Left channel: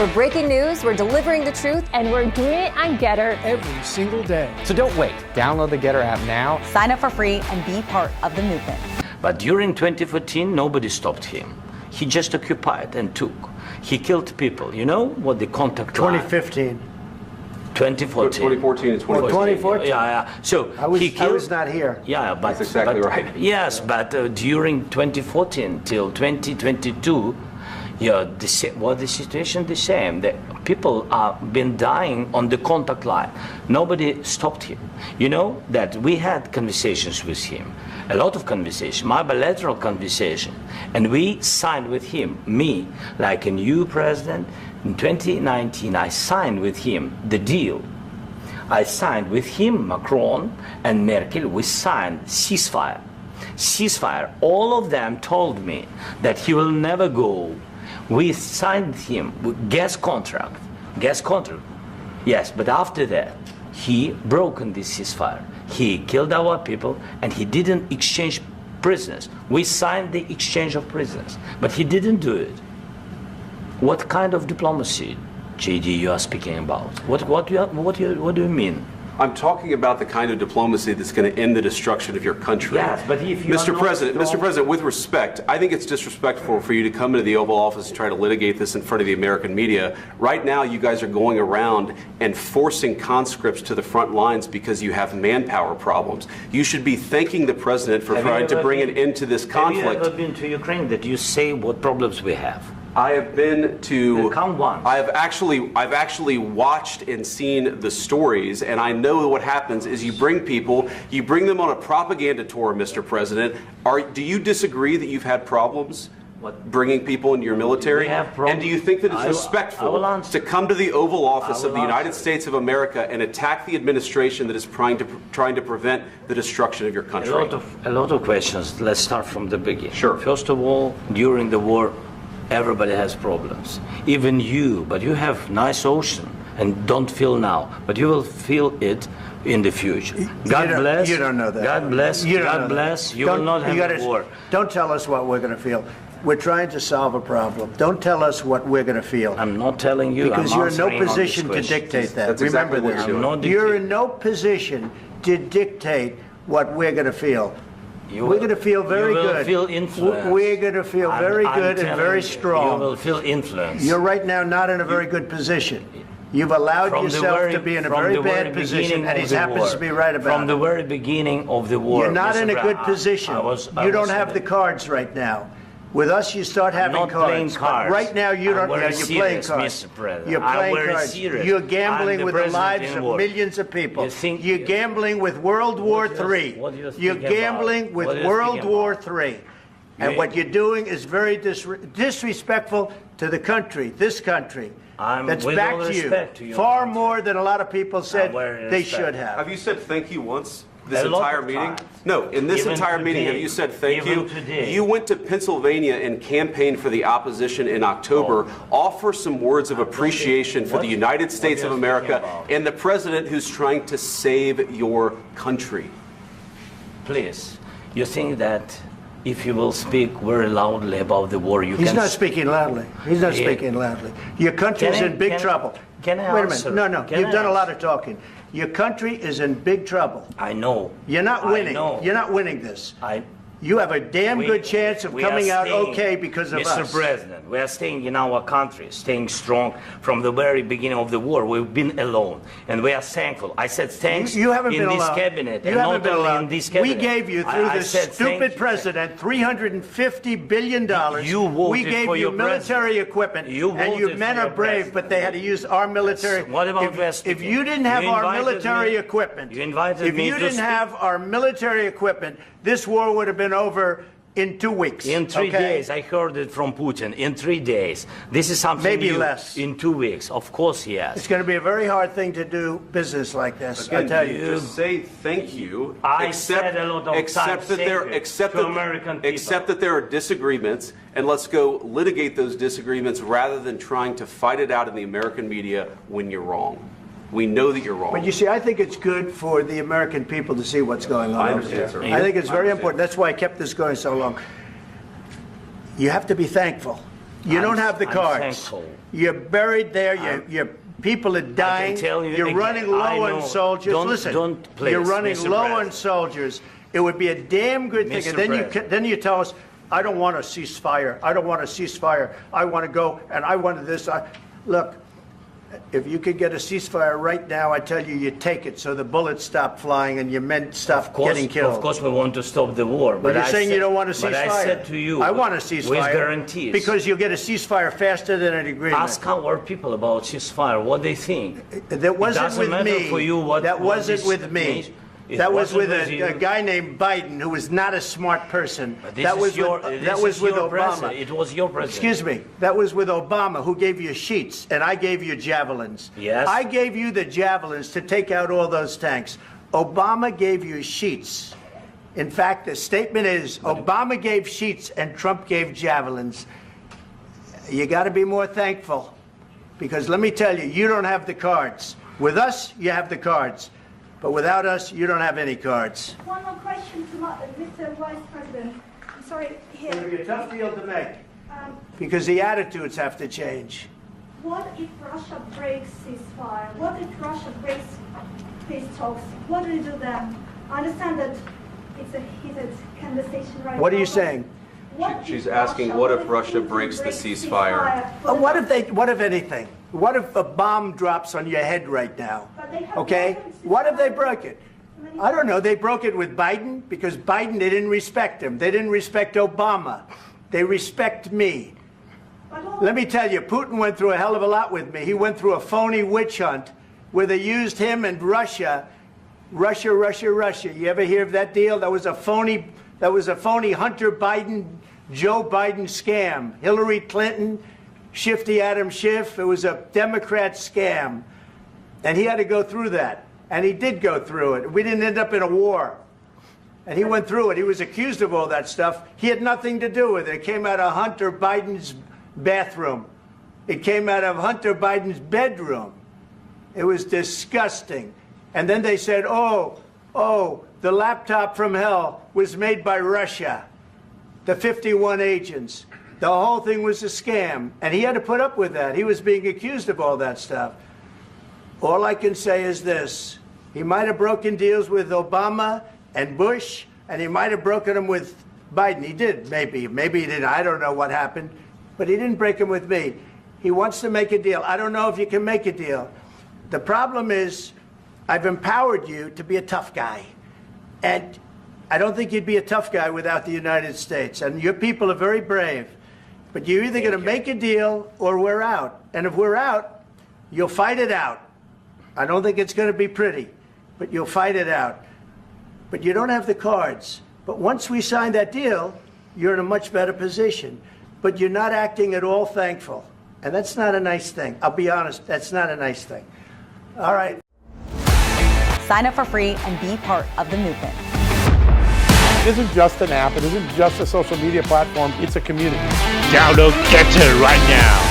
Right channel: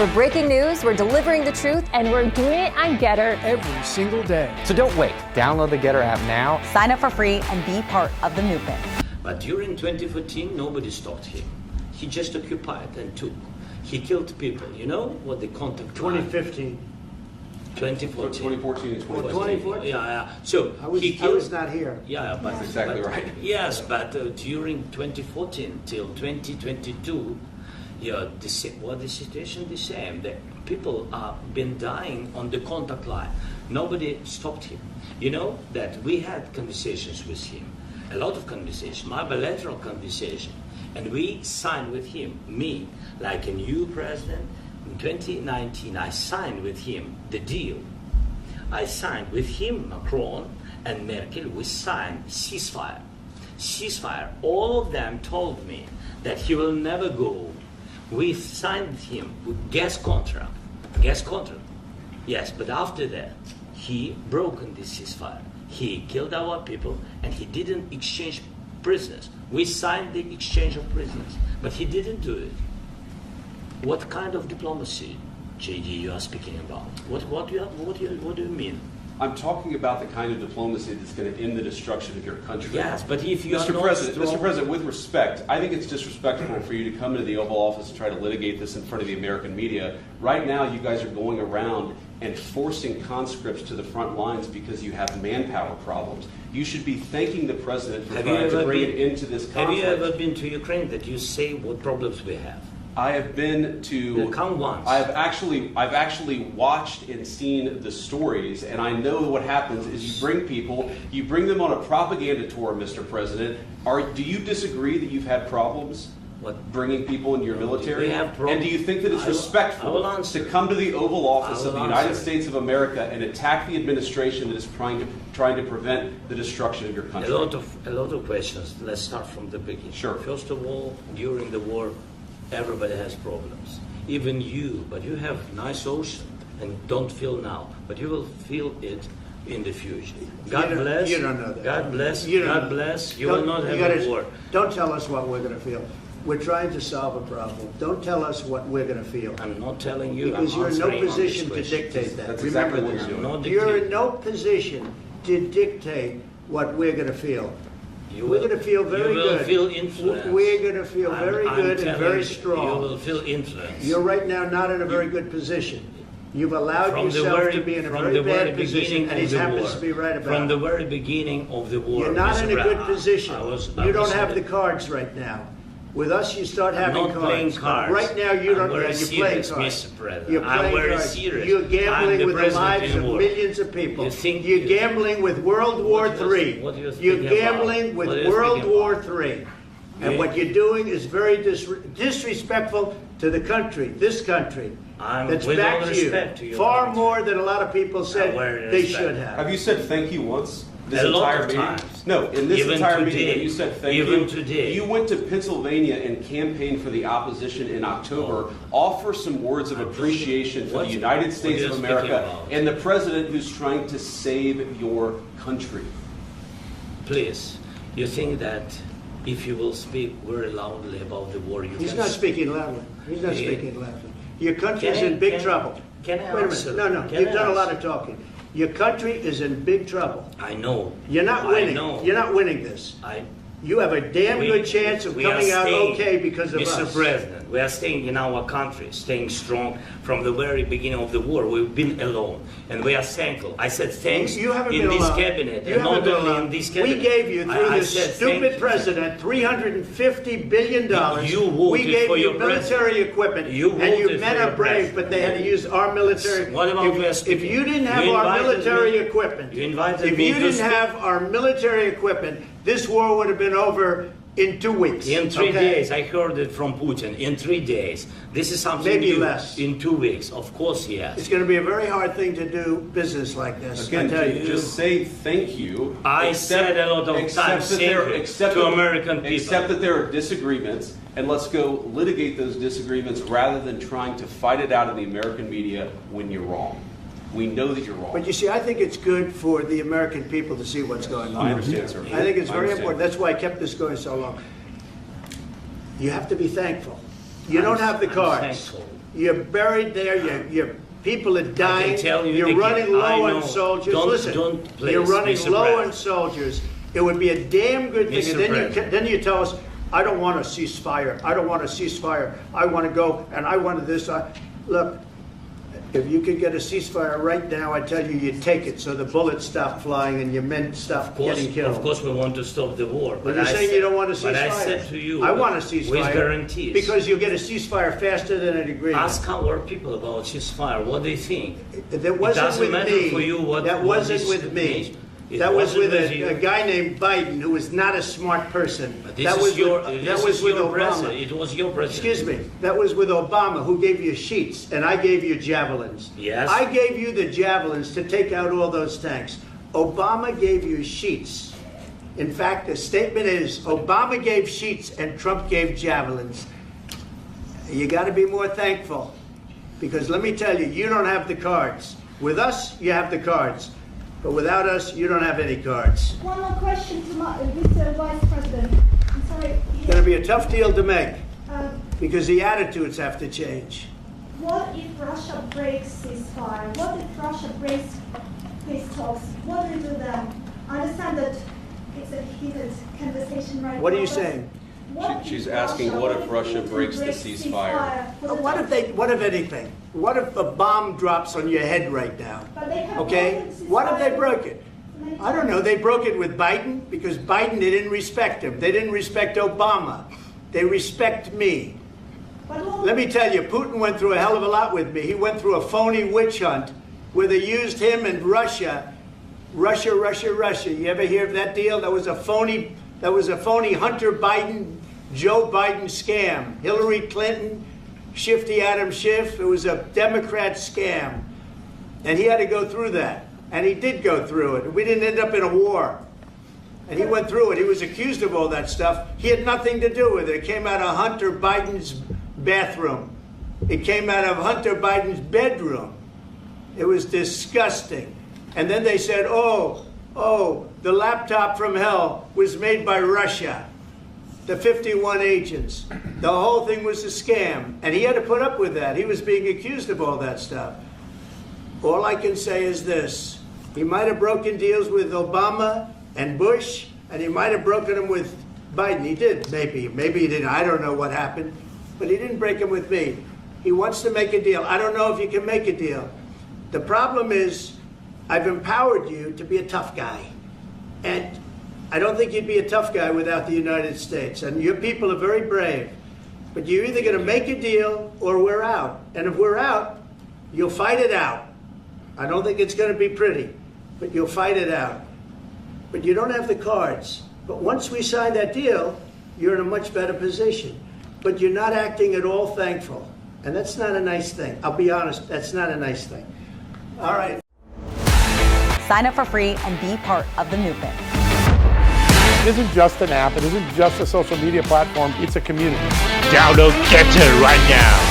We're breaking news, we're delivering the truth, and we're doing it on Getter every single day. So don't wait. Download the Getter app now. Sign up for free and be part of the movement. But during 2014, nobody stopped him. He just occupied and took. He killed people. You know what the contact line? 2015. 2014. 2014 and 2014. 2014. Yeah. So I was not here. Yeah, but that's exactly right. Yes, but during 2014 till 2022, yeah, the situation the same. The people have been dying on the contact line. Nobody stopped him. You know that we had conversations with him, a lot of conversation, my bilateral conversation, and we signed with him, me, like a new president. In 2019, I signed with him the deal. I signed with him, Macron and Merkel, we signed ceasefire. Ceasefire. All of them told me that he will never go. We signed him with gas contract. Gas contract. Yes, but after that, he broken this ceasefire. He killed our people and he didn't exchange prisoners. We signed the exchange of prisoners, but he didn't do it. What kind of diplomacy, JD, you are speaking about? What do you mean? I'm talking about the kind of diplomacy that's going to end the destruction of your country. Yes, but if you Mr. President, with respect, I think it's disrespectful for you to come into the Oval Office and try to litigate this in front of the American media. Right now, you guys are going around and forcing conscripts to the front lines because you have manpower problems. You should be thanking the President for trying to bring an end to this conflict. Have you ever been to Ukraine that you say what problems we have? I have been to. Come once. I've actually watched and seen the stories, and I know what happens is you bring them on a propaganda tour, Mr. President. Do you disagree that you've had problems bringing people into your military? And do you think that it's respectful to come to the Oval Office of the United States of America and attack the administration that is trying to prevent the destruction of your country? A lot of questions. Let's start from the beginning. Sure. First of all, during the war, everybody has problems, even you, but you have nice ocean and don't feel now, but you will feel it in the future. God bless. You don't know that. God bless. God bless. You will not have a war. Don't tell us what we're going to feel. We're trying to solve a problem. Don't tell us what we're going to feel. I'm not telling you. Because you're in no position to dictate that. That's exactly what you're doing. You're in no position to dictate what we're going to feel. We're going to feel very good. You will feel influence. We're going to feel very good and very strong. You will feel influence. You're right now not in a very good position. You've allowed yourself to be in a very bad position, and he happens to be right about it. From the very beginning of the war. You're not in a good position. You don't have the cards right now. With us, you start having cards. Right now, you don't. You're playing cards. You're playing cards. You're gambling with the lives of millions of people. You're gambling with World War III. You're gambling with World War III. And what you're doing is very disrespectful to the country, this country. That's back to you. Far more than a lot of people said they should have. Have you said thank you once? This entire meeting? No, in this entire meeting, have you said thank you? You went to Pennsylvania and campaigned for the opposition in October. Offer some words of appreciation for the United States of America and the president who's trying to save your country. Please, you think that if you will speak very loudly about the war, you can... He's not speaking loudly. He's not speaking loudly. Your country's in big trouble. Can I answer? Wait a minute. No. You've done a lot of talking. Your country is in big trouble. I know. You're not winning. You're not winning this. You have a damn good chance of coming out okay because of us. Mr. President, we are staying in our country, staying strong from the very beginning of the war. We've been alone, and we are thankful. I said thanks you haven't in been this alone. cabinet, you and haven't not been only alone. in this cabinet. We gave you, through this stupid president, $350 billion. We gave you military equipment, and you men are brave, but they had to use our military. If you didn't have our military equipment, this war would have been over in 2 weeks. In 3 days. I heard it from Putin. In 3 days. This is something maybe new. Less. In 2 weeks. Of course, yes. It's going to be a very hard thing to do business like this. Again, I tell you. Just say thank you. I said a lot of times to American people. Accept that there are disagreements, and let's go litigate those disagreements rather than trying to fight it out in the American media when you're wrong. We know that you're wrong. But you see, I think it's good for the American people to see what's going on. I understand, sir. I think it's very important. That's why I kept this going so long. You have to be thankful. You don't have the cards. Thankful. You're buried there. Your people are dying. Tell you You're again, running low on soldiers. Don't please, you're running Mr. low President. on soldiers. It would be a damn good thing. Mr. And then you tell us, I don't want a ceasefire. I don't want a ceasefire. I want to go and I want this. Look, if you could get a ceasefire right now, I tell you, you take it so the bullets stop flying and your men stop getting killed. Of course, we want to stop the war. But you're saying you don't want a ceasefire. But I said to you, I want a ceasefire. with guarantees. Because you'll get a ceasefire faster than an agreement. Ask our people about ceasefire, what they think. That wasn't it doesn't with matter me. For you what, that what wasn't this with me. means. That was with a guy named Biden, who was not a smart person. That was with Obama. It was your president. Excuse me. That was with Obama, who gave you sheets, and I gave you javelins. Yes. I gave you the javelins to take out all those tanks. Obama gave you sheets. In fact, the statement is, Obama gave sheets and Trump gave javelins. You got to be more thankful, because let me tell you, you don't have the cards. With us, you have the cards. But without us, you don't have any cards. One more question to Mr. Vice President. I'm sorry. It's going to be a tough deal to make, because the attitudes have to change. What if Russia breaks ceasefire? What if Russia breaks peace talks? What do you do then? I understand that it's a heated conversation right now. What are you saying? She's asking, what if Russia breaks the ceasefire? What if anything? What if a bomb drops on your head right now? Okay? What if they broke it? I don't know. They broke it with Biden, because Biden, they didn't respect him. They didn't respect Obama. They respect me. Let me tell you, Putin went through a hell of a lot with me. He went through a phony witch hunt where they used him and Russia. Russia. You ever hear of that deal? That was a phony Hunter Biden, Joe Biden scam. Hillary Clinton, Shifty Adam Schiff. It was a Democrat scam. And he had to go through that. And he did go through it. We didn't end up in a war. And he went through it. He was accused of all that stuff. He had nothing to do with it. It came out of Hunter Biden's bathroom. It came out of Hunter Biden's bedroom. It was disgusting. And then they said, oh, the laptop from hell was made by Russia. The 51 agents. The whole thing was a scam. And he had to put up with that. He was being accused of all that stuff. All I can say is this. He might have broken deals with Obama and Bush, and he might have broken them with Biden. He did, maybe. Maybe he didn't. I don't know what happened. But he didn't break them with me. He wants to make a deal. I don't know if you can make a deal. The problem is, I've empowered you to be a tough guy. And I don't think you'd be a tough guy without the United States. And your people are very brave. But you're either going to make a deal or we're out. And if we're out, you'll fight it out. I don't think it's going to be pretty, but you'll fight it out. But you don't have the cards. But once we sign that deal, you're in a much better position. But you're not acting at all thankful. And that's not a nice thing. I'll be honest, that's not a nice thing. All right. Sign up for free and be part of the movement. It isn't just an app. It isn't just a social media platform. It's a community. Download Get It right now.